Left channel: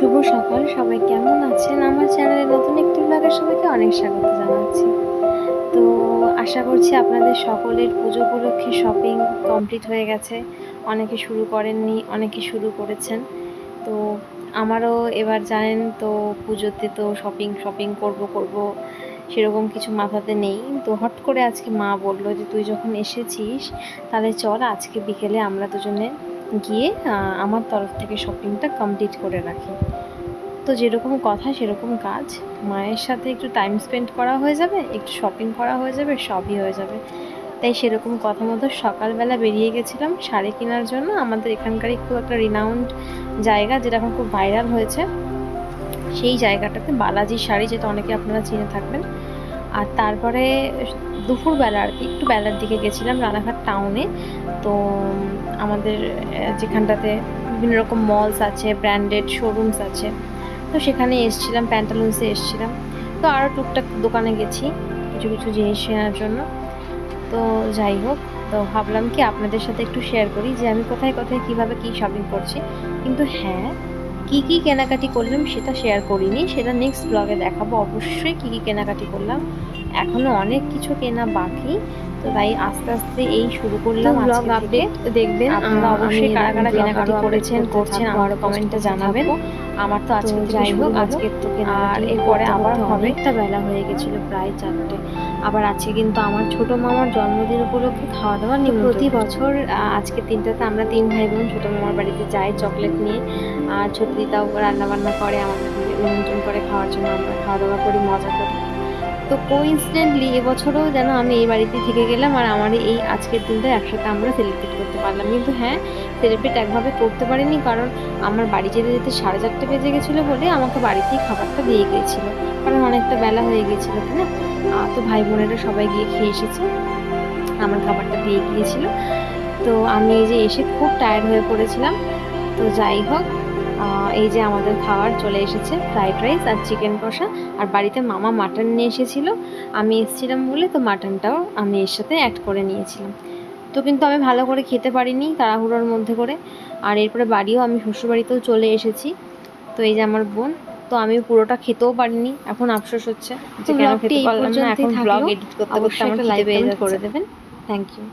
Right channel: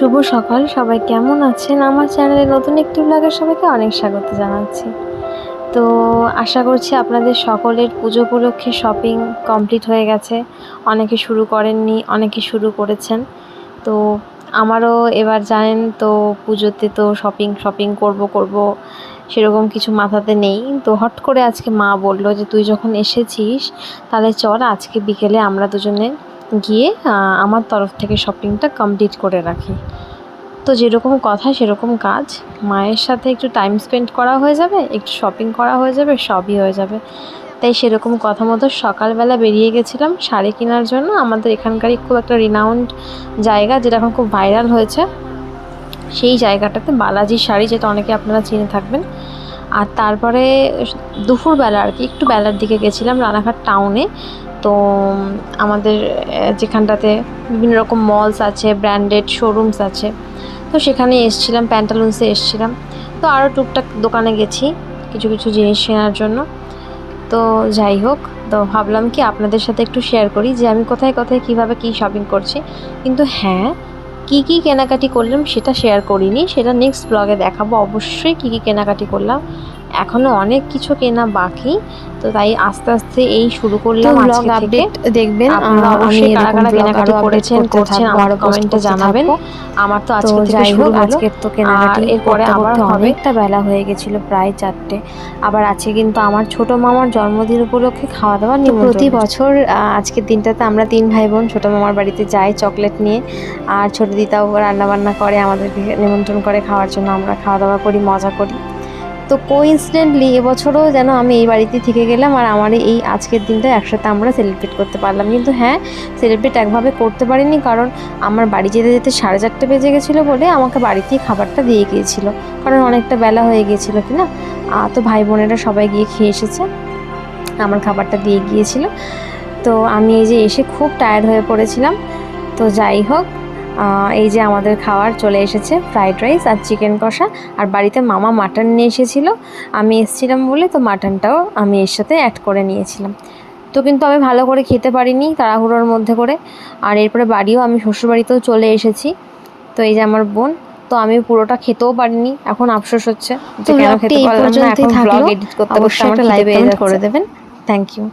শুভ সকাল, সবাই কেমন আছেন? আমার চ্যানেলে নতুন একটি ব্লগে সবাইকে অনেক স্বাগত জানাচ্ছি। তো আশা করছি আপনাদের সকলের পুজো উপলক্ষে শপিং কমপ্লিট হয়ে গেছে। অনেকে শুরু করেননি, অনেকে শুরু করেছেন। তো আমারও এবার জানেন তো পুজোতে তো শপিং করব সেরকম কিছু মাথাতে নেই। তো হট করে আজকে মা বলল যে তুই যখন এসেছিস তাহলে চল আজকে বিকেলে আমরা দুজনে গিয়ে আমার তরফ থেকে শপিংটা কমপ্লিট করে রাখি। তো যেরকম কথা সেরকম কাজ, মায়ের সাথে একটু টাইম স্পেন্ড করা হয়ে যাবে, একটু শপিং করা হয়ে যাবে, সবই হয়ে যাবে। তাই সেরকম কথা মতো সকালবেলা বেরিয়ে গেছিলাম শাড়ি কেনার জন্য। আমাদের এখানকারই খুব একটা রিনাউন্ড জায়গা, যেটা এখন খুব ভাইরাল হয়েছে, সেই জায়গাটাতে বালাজি শাড়ি, যেটা অনেকে আপনারা চিনে থাকবেন। আর তারপরে দুপুরবেলা আর কি একটু বেলার দিকে গেছিলাম রানাঘাট টাউনে। তো আমাদের যেখানটাতে বিভিন্ন রকম মলস আছে, ব্র্যান্ডেড শোরুমস আছে, তো সেখানে এসেছিলাম, প্যান্টালুন্সে এসেছিলাম। তো আরও টুকটাক দোকানে গেছি কিছু কিছু জিনিস কেনার জন্য। তো যাই হোক, তো ভাবলাম কি আপনাদের সাথে একটু শেয়ার করি যে আমি কোথায় কোথায় কীভাবে কী শপিং করছি। কিন্তু হ্যাঁ, কী কেনাকাটি করলাম সেটা শেয়ার করিনি, সেটা নেক্সট ব্লগে দেখাবো অবশ্যই কী কেনাকাটি করলাম। এখনও অনেক কিছু কেনা বাকি, তো তাই আস্তে আস্তে এই শুরু করলাম আজকে থেকে। দেখবেন আপনারা অবশ্যই কারা কারা কেনাকাটি করছেন আমার কমেন্টে জানাবেন। আমার তো আজকে থেকে শুরু হলো, আজকের তো কেনাকাটি এরপরে আবার অনেকটা বেলা হয়ে গেছিলো, প্রায় 4টে। আবার আছে কিন্তু আমার ছোট মামার জন্মদিন উপলক্ষে খাওয়া দাওয়া নিমন্ত্রণ। প্রতি বছর আজকের দিনটাতে আমরা 3 ভাই বোন ছোটো মামার বাড়িতে যাই চকলেট নিয়ে, আর ছোটো দিদাও রান্নাবান্না করে, আমাদেরকে নিমন্ত্রণ করে খাওয়ার জন্য। আমরা খাওয়া দাওয়া করি, মজা করি। তো কোইন্সিডেন্টলি এবছরও যেন আমি এই বাড়িতেই থেকে গেলাম, আর আমার এই আজকের দিনটা একসাথে আমরা সেলিব্রেট করতে পারলাম। কিন্তু হ্যাঁ, সেলিব্রেট একভাবে করতে পারিনি, কারণ আমার বাড়ি যেতে যেতে 4:30 বেজে গেছিলো বলে আমাকে বাড়িতেই খাবারটা দিয়ে গিয়েছিল, কারণ অনেকটা বেলা হয়ে গিয়েছিলো কিনা। তো ভাই বোনেরা সবাই গিয়ে খেয়ে এসেছে, আমার খাবারটা দিয়ে গিয়েছিল। তো আমি এই যে এসে খুব টায়ার্ড হয়ে পড়েছিলাম। তো যাই হোক, এই যে আমাদের খাবার চলে এসেছে, ফ্রাইড রাইস আর চিকেন কষা। আর বাড়িতে মামা মাটন নিয়ে এসেছিলো, আমি এসেছিলাম বলে তো মাটনটাও আমি এর সাথে অ্যাড করে নিয়েছিলাম। তো কিন্তু আমি ভালো করে খেতে পারিনি তাড়াহুড়োর মধ্যে করে। আর এরপরে বাড়িও আমি শ্বশুরবাড়িতেও চলে এসেছি। তো এই যে আমার বোন, তো আমি পুরোটা খেতেও পারিনি, এখন আফসোস হচ্ছে যে কেন খেতে পারলাম না। এখন ব্লগ এডিট করতে করতে আমার খিদে পেয়ে যাচ্ছে। করে দেবেন, থ্যাংক ইউ।